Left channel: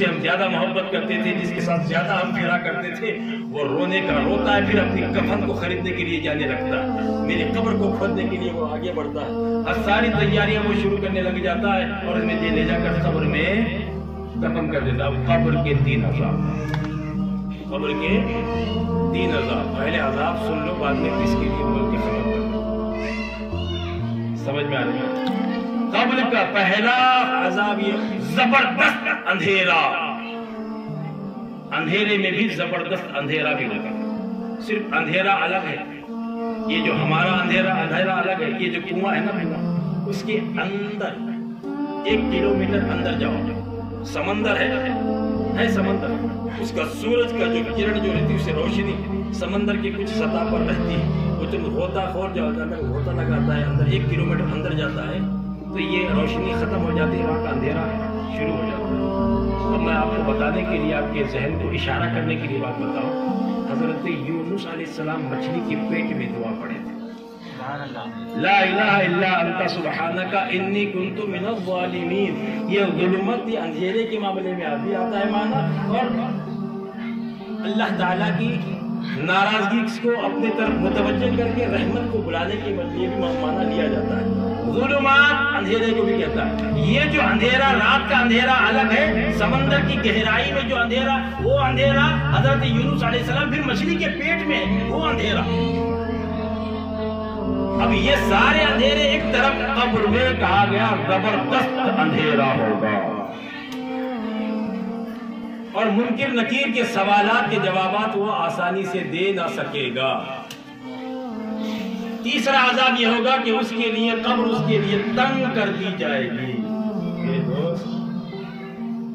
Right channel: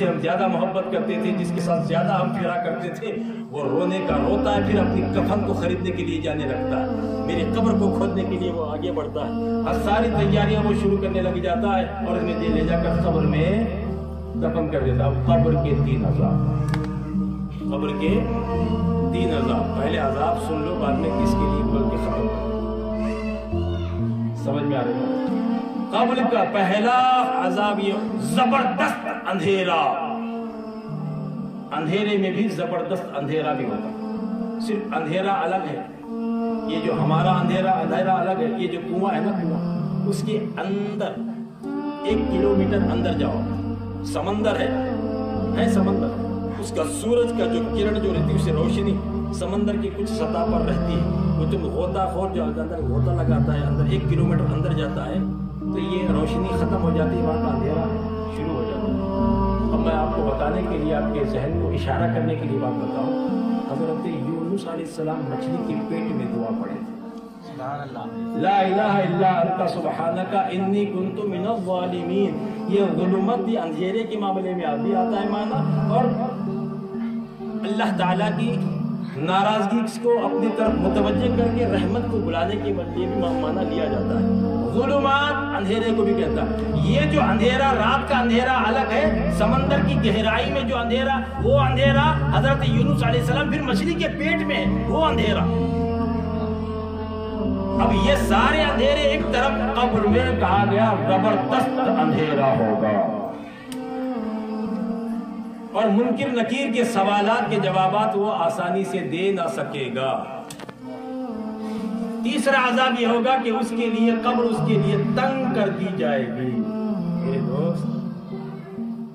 سے ہم زیادہ محبت کرتے تھے، جس کے ساتھ زیادہ ہم پھرا کرتے تھے، وہ رونے کا روتا ہے، پھر اپنی کفن کو خریدنے کے لیے جانے لگتا ہے، میری قبر کو کھودنے کے لیے وہ آگے بڑھتا ہے، اور ساری تیاریاں وہ شروع کرنے لگ جاتا ہے اور انہیں لے جا کر قبر میں دفن کر دیتا ہے۔ اب قبر کے 3 عذاب، قبر کے 3 عذاب، پہلے عذاب سن لو، بعد میں کس کے لیے بول کے ختم کر دو۔ سمجھ میں آ رہی ہے؟ قبر کا پہلا عذاب یہ زبردست اندھیرا، اندھیرے میں بھی زبردست اندھیرا بھی ہوگا۔ صرف اندھیرا الگ ہے، یہ جو ہمارا اندھیرا الگ ہے، یہ جو کنواں ہے نا کنواں، اس کے اندر 1 کلومیٹر اندر جاؤ، سمندر ہے سمندر، اس کا سورج کا جو کرن جو رہتی ہے، اسے روشنی سمندر کی کچھ سطح پر رہتی ہے، وہ جو غوطہ خور جو اندر غوطہ لگاتا ہے، اندر 1 کلومیٹر اندر جاتا ہے تو یہ روشنی ختم ہو جاتی ہے، وہاں کا اندھیرا شروع ہو جاتا ہے۔ اب میں آپ کو بتانے کے لیے، آپ کے ذہن کو اشارہ کرنے کے لیے بات بتاؤں، حضرت یونس علیہ السلام مچھلی کے پیٹ میں دعا پڑھے تھے، لا الہ الا انت سبحانک انی کنت من الظالمین۔ یہ ظلمت، یہ اندھیرے کے معاملے میں بھی آتا ہے معنی، اور اللہ تعالیٰ کی ناراضگی کو اپنی طرف متوجہ کر کے رحمت کو بلانے کے لیے بھی معنی لیا جاتا ہے۔ ظلمات اندھیرے کو بھی کہتا ہے۔ یہ جو اندھیرا، رات کا اندھیرا الگ ہے، سمندر کی گہرائی میں جو اندھیرا، وہ اندھیرا حضرت یونس علیہ السلام، پھر مچھلی کے پیٹ میں وہ اندھیرا۔ اب یہ سارے اندھیرے ایک طرف، قبر میں کہا گیا زبردست اندھیرا ہوگا، اور منکر نکیر کے سوالات کے جوابات وہ آسانی سے دے نہ سکے گا۔ تیسرا عذاب یہ ہوگا کہ اس کے لیے قبر اس کے لیے تنگ کر دی جائے گی۔ میرے دوست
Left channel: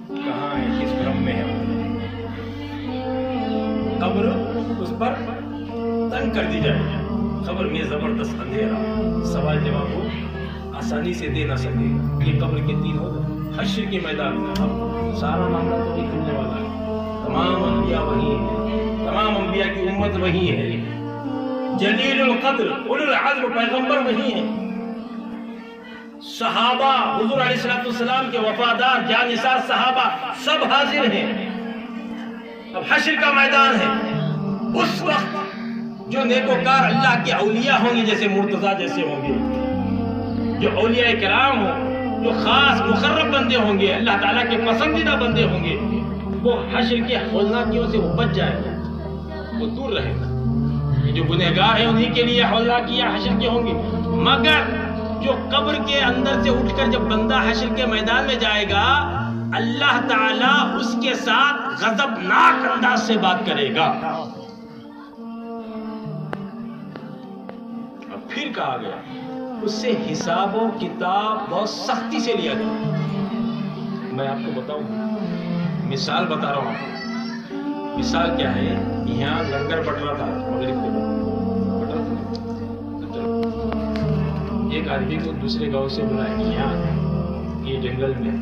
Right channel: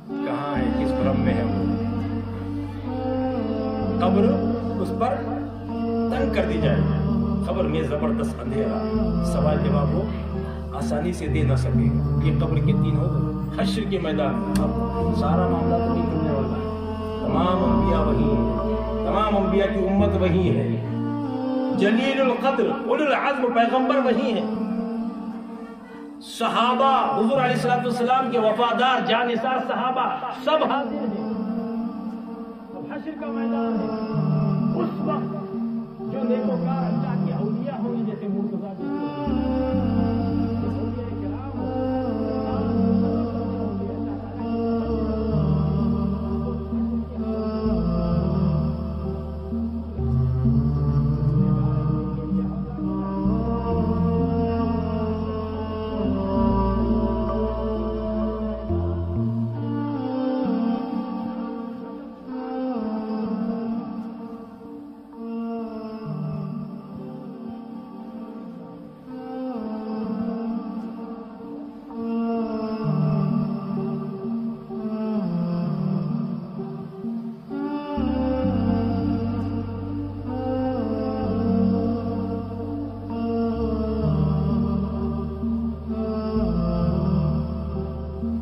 کہاں ہے، کس برم میں ہے؟ قبر اس پر تنگ کر دی جائے گی، قبر میں زبردست اندھیرا، سوال جواب وہ آسانی سے دے نہ سکے گا۔ یہ قبر کے 3 ہو گئے۔ حشر کے میدان میں اب سارا معاملہ تو نہیں کھلنے والا ہے، تمام انبیاء وہی ہیں، تمام انبیاء کی امت وہی ہے، جلیل القدر اولو العزم پیغمبر وہی ہیں، صحابہ حضور علیہ السلام کے وفادار جانثار صحابہ سب حاضر ہیں۔ اب حشر کا میدان ہے، اس وقت جو نیکوکار اللہ کے اولیاء ہوں گے، جیسے مرتضیٰ جیسے ہوں گے، جو اولیاء کرام ہوں، جو خاص مقرب بندے ہوں گے، اللہ تعالیٰ کے پسندیدہ بندے ہوں گے، وہ حشر کے ہولناکیوں سے وہ بچ جائیں گے، وہ دور رہے گا۔ جو گنہگار ہیں انہی کے لیے ہولناکیاں حشر کے ہوں گے، مگر جو قبر کے اندر سے اٹھ کر جب بندہ حشر کے میدان میں جائے گا، اللہ تعالیٰ اس کے ساتھ غضبناک انداز سے بات کرے گا۔ اب پھر کہا گیا اس سے حساب و کتاب بہت سختی سے لیا جائے۔ میں آپ کو بتاؤں، مثال بتا رہا ہوں۔ مثال کیا ہے؟ یہاں لنگر بٹ رہا تھا، ایک آدمی کو دوسرے گاؤں سے بلایا، یہاں یہ جنگل میں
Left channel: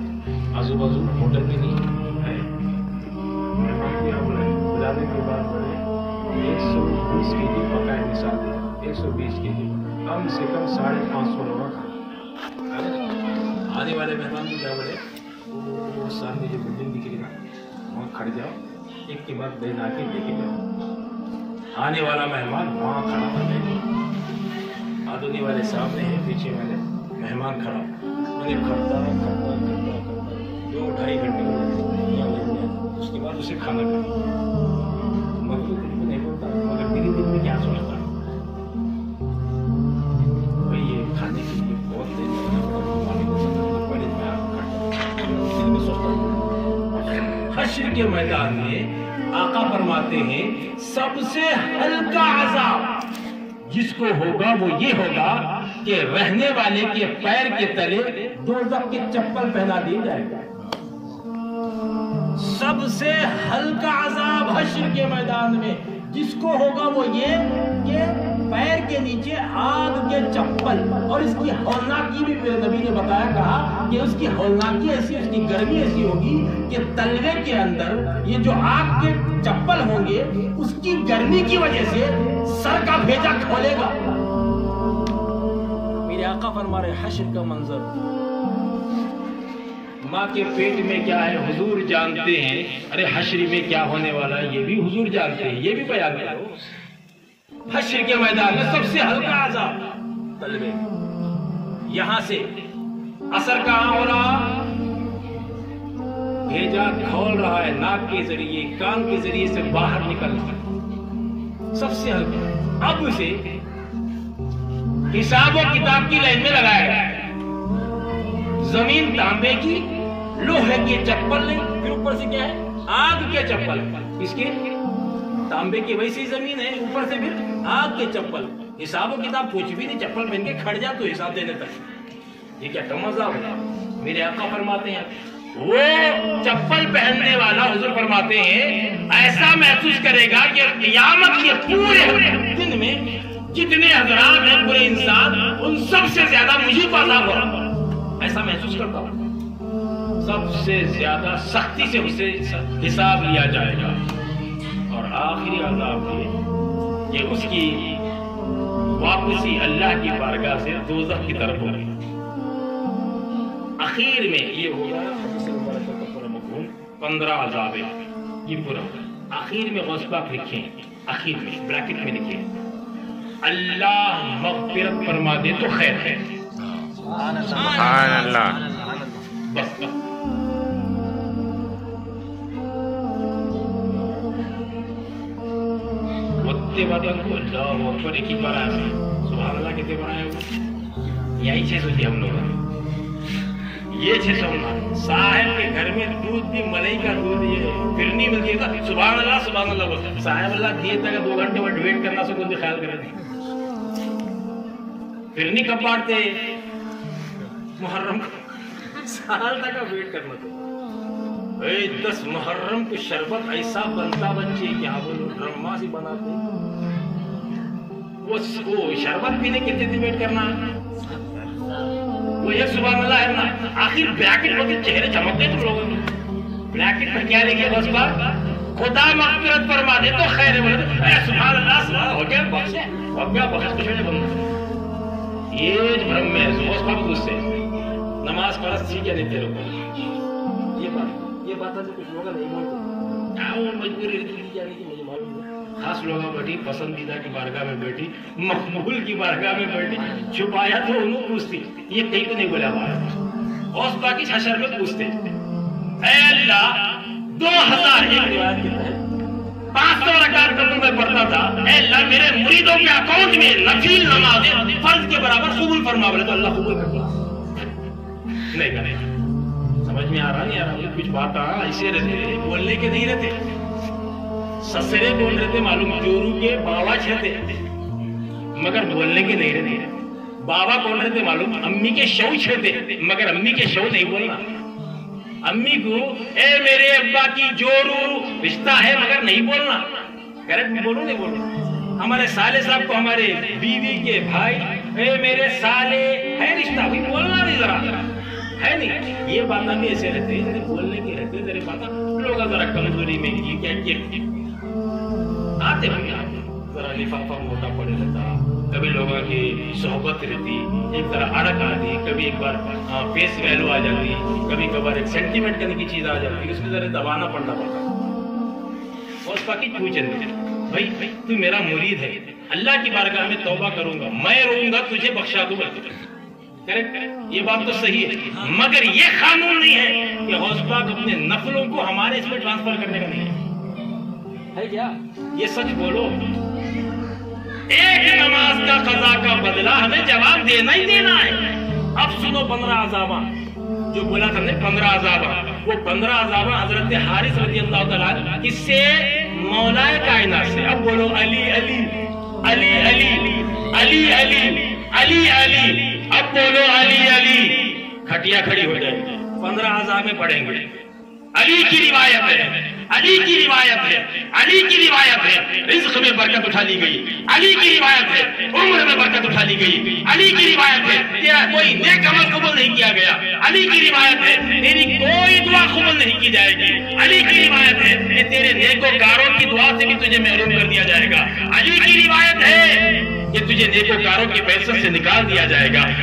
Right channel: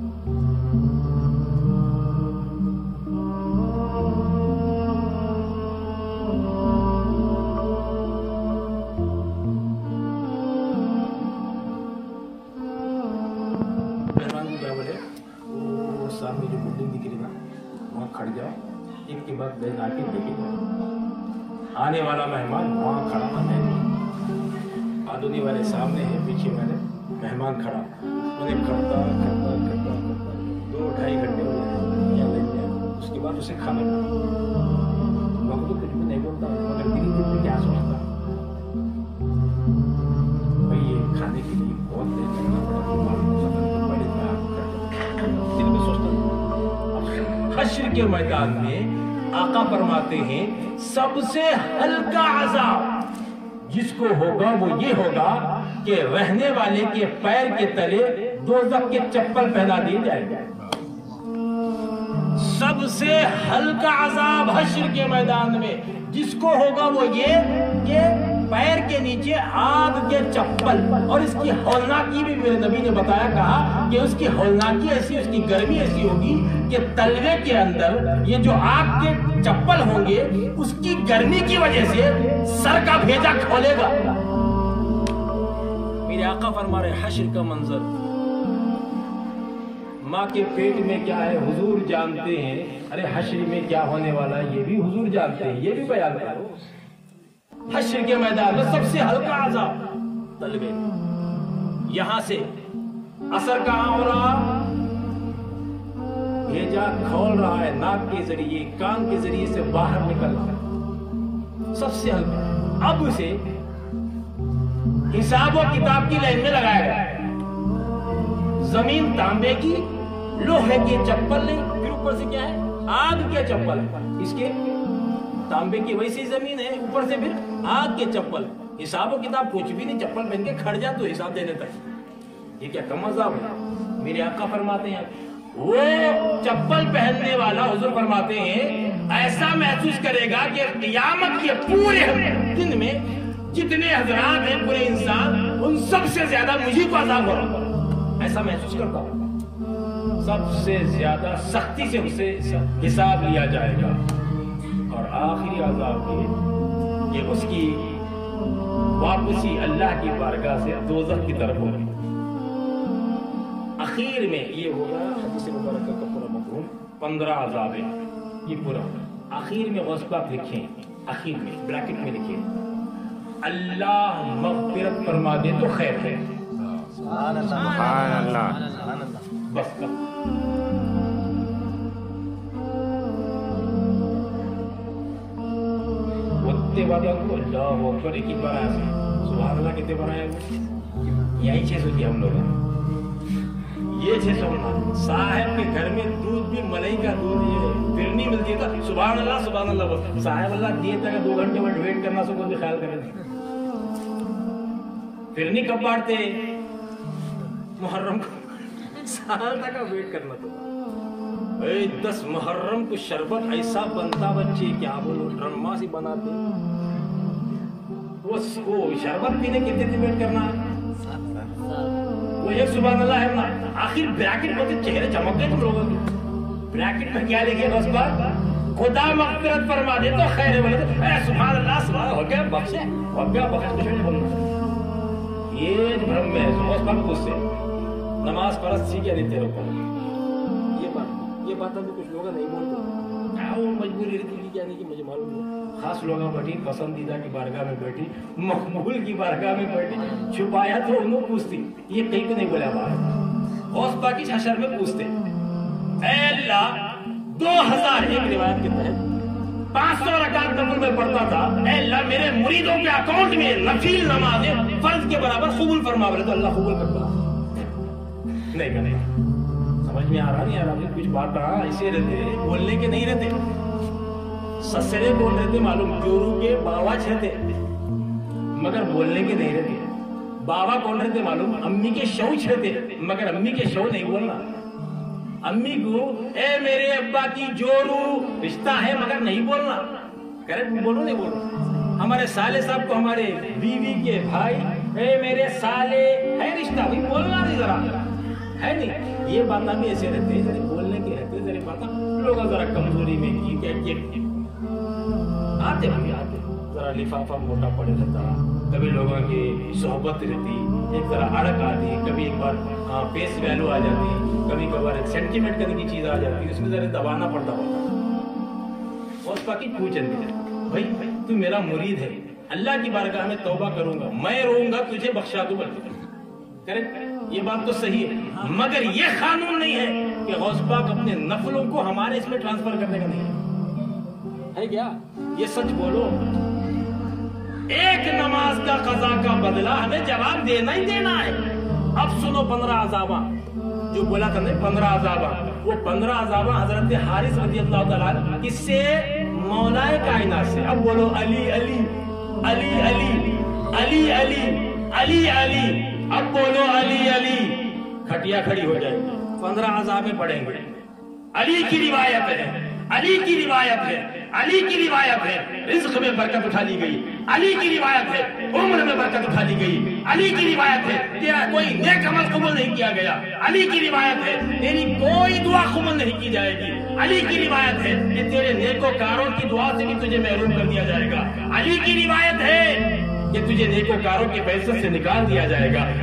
آزو بازو ہوٹل میں نہیں ہے، 120 کے جی پکائے مثال، 120 کے جی، کم سے کم 550 لوگ۔ آنے والے مہمان کو کیا بولے، وہ سامنے جو بلڈنگ دکھ رہی نا، وہاں کھڑ جاؤ، ایک کے بعد بہن آ کے دیکھے جاؤ۔ آنے والا مہمان وہاں کھڑا ہو جائے، آدھونی والے سامنے ہیں، پیچھے والے مہمان کھڑا، انہیں کھپتا 2-2.5 گھنٹے ہو جاتے، اس کے بعد اسے کھانا میں تو کچھ بھی نہیں بولتا، مگر دلی دل میں کیا سوچتا بھائی یہ کھانے کے لیے بہت دیر لگنا پڑا، پہلے میں آپ دل میں سوچتا۔ حشر کے میدان میں آقا فرماتے ہیں سب سے ہلکا عذاب جس کو ہوگا وہ یہ ہوگا کہ رہنے والے کے پیر کے تلے دوزخ کے چپل پہنا دیے جائے گا۔ سب سے ہلکا عذاب حشر کے میدان میں جس کو ہوگا وہ یہ کہ پیر کے نیچے آگ کے چپل، اور اس کی ہولناکی بھی میرے نبی نے بتایا، کہا کہ اس کی ہولناکی ایسی، اس کی گرمی ایسی ہوگی کہ تلوے کے اندر یہ جو آگ کے چپل ہوں گے، اس کی گرمی کی وجہ سے سر کا بھیجا کھولے گا۔ میرے آقا فرما رہے حشر کا منظر ماں کے پیٹ میں کیا ہے حضور جانتے ہیں، ارے حشر میں کیا ہونے والا ہے یہ بھی حضور جانتے ہیں، یہ بھی بیان کرو۔ حشر کے میدان میں سب سے ہلکا عذاب طلبے، یہاں سے اثر کہاں ہو رہا؟ بھیجا کھول رہا ہے، ناک کے ذریعے کان کے ذریعے سے باہر نکل رہا، سب سے ہلکا۔ اب اسے حساب و کتاب کی لائن میں لگایا گیا ہے، زمین تانبے کی، لوہے کی چپل نہیں، پھر اوپر سے کیا ہے آگ کے چپل، اس کے تانبے کی ویسی زمین ہے، اوپر سے پھر آگ کے چپل، حساب و کتاب کچھ بھی نہیں، چپل پہن کے کھڑ جا تو حساب دینے تک، یہ کیا کم مزہ ہو؟ میرے آقا فرماتے ہیں وہ چپل پہننے والا حضور فرماتے ہیں ایسا محسوس کرے گا کہ قیامت کے پورے دن میں جتنے حضرات ہیں پورے انسان ان سب سے زیادہ مجھے کو عذاب ہو رہا، ایسا محسوس کرتا ہوں، سب سے زیادہ سختی سے اسے حساب لیا جائے گا۔ اور آخری عذاب یہ کہ اس کی واپسی اللہ کی بارگاہ سے دوزخ کی طرف ہوگی۔ اخیر میں یہ ہوگا حدیث مبارکہ کا پورا مفہوم 15 عذاب ہے، یہ پورا ہوگا۔ آخر میں غوث پاک لکھیں، آخر میں بریکٹ میں لکھیں اللہ مغفرت فرما دے تو خیر ہے، سبحان اللہ، بس وقتے بعد کو اللہ اکبر ایک ہی بار آئے، سبحان اللہ کتنے بار آئے ہوئے؟ یہی 600 کیا ہم لوگ، یہ 600 صاحب کے گھر میں دودھ بھی ملائی کا دودھ یہ پھر نہیں ملتی ہے، سبحان اللہ سبحان اللہ، صاحب اللہ دیے تک 2 گھنٹے میں ویٹ کرنا سے کوئی خیال کرے نہیں، پھر نہیں کب بانٹتے محرم کو، سال تک کا ویٹ کرنا تو 10 محرم کو شربت ایسا بنتا بچے کیا بولو ڈرما سے بناتے، وہ شربت پینے کتنے دن ویٹ کرنا، وہ ایک سبحان اللہ ہے نا، آخر بریکٹ ہوتے چہرے چمکتے تم لوگوں کے، بریکٹ میں کیا لکھے بس بات خدا مغفرت فرما دے تو خیر ہے، بولے تو سبحان اللہ سبحان ہو گیا بخش ہے، ہو گیا بخش کچھ نہیں بننا، یہ بھرم میں بس بات پوچھ سے نماز فرض تھی کیا نہیں تیرے کو، یہ بات ہے کچھ لوگ نہیں بولتے، وہ مجبوری رہتی جانے کی مجھے معلوم ہے، خاص لوگ بیٹھی پسندیدہ کی بارگاہ میں بیٹھی، مقبول کی بارگاہ میں بیٹھی، چھپایا تو انہوں پوچھتی، یہ کہیں تو نہیں بولا ہمارا، غوث پاک اس حشر میں پوچھتے اے اللہ 2001 روایت کے تحت 500 رکعت قبول میں پڑھتا تھا، اے اللہ میرے مریدوں کے اکاؤنٹ میں نفل نمازیں فرض کے برابر قبول فرما، بولے تو اللہ قبول کرتا نہیں کرے، سمجھ میں آ رہا نہیں آ رہا، کچھ بات ایسے رہتے بولنے کے نہیں رہتے، سسرے بول رہے تھے معلوم، جورو کے باوا چھتے مگر بولنے کے نہیں رہتے، بابا بول رہے تھے معلوم، امی کے شو چھتے مگر امی کے شو نہیں بولنا، امی کو اے میرے ابا کی جورو رشتہ ہے مگر نہیں بولنا، کریکٹ بولو نہیں بولو، ہمارے سالے صاحب کو ہمارے بیوی کے بھائی اے میرے سالے ہے رشتہ، وہی بولنا نہیں ذرا ہے نہیں، یہ باتیں بھی ایسے رہتے ہیں بولنے کے رہتے ذرا باتیں لوگ ذرا کمزوری میں کی کیا آتے بھی آتے، ذرا لفافہ موٹا پڑے رہتا، کبھی لوگوں کی صحبت رہتی، ایک ذرا اڑک آتی، کبھی ایک بار فیس ویلو آ جاتی، کبھی کبھار ایک سینٹیمنٹ کرنے کی چیز آ جاتی، اس میں ذرا دبانا پڑتا اور اس پاکی پوچھیں گے بھائی تو میرا مرید ہے، اللہ کی بارگاہ میں توبہ کروں گا، میں روؤں گا تجھے بخشا دوں گا، یہ بات تو صحیح ہے، مگر یہ قانون نہیں ہے کہ غوث پاک اپنے نفلوں کو ہمارے اس میں ٹرانسفر کرنے کا نہیں ہے کیا؟ یہ سچ بولو، ایک نماز کا قضا کا بدلہ ہمیں جواب دینا ہی دینا ہے۔ اب سنو 15 عذابہ جو بولا تھا نہیں 15 عذابہ، وہ 15 عذابہ حضرت حارث رضی اللہ تعالیٰ کس سے؟ مولا کائنات سے۔ اب بولو علی علی علی علی علی علی علی علی، اب بولو علی علی، کھٹیا کھڑی ہو جائے گی، 15 عذابیں پڑھیں گے۔ علی کی روایت ہے، علی کی روایت ہے، علی کی روایت ہے، رزق میں برکت اٹھا لی گئی، علی کی روایت ہے، عمر میں برکت اٹھا لی گئی، علی کی روایت ہے، تیرا کوئی نیک عمل قبول نہیں کیا گیا، علی کی روایت ہے، تیری کوئی دعا قبول نہیں کی جائے گی، علی کی روایت ہے کہ تیرے نیکوکاروں کی دعا سے بھی تجھے محروم کر دیا جائے گا، علی کی روایت ہے کہ تجھے نیکوکاروں کی بحثت سے نکال دیا جائے گا،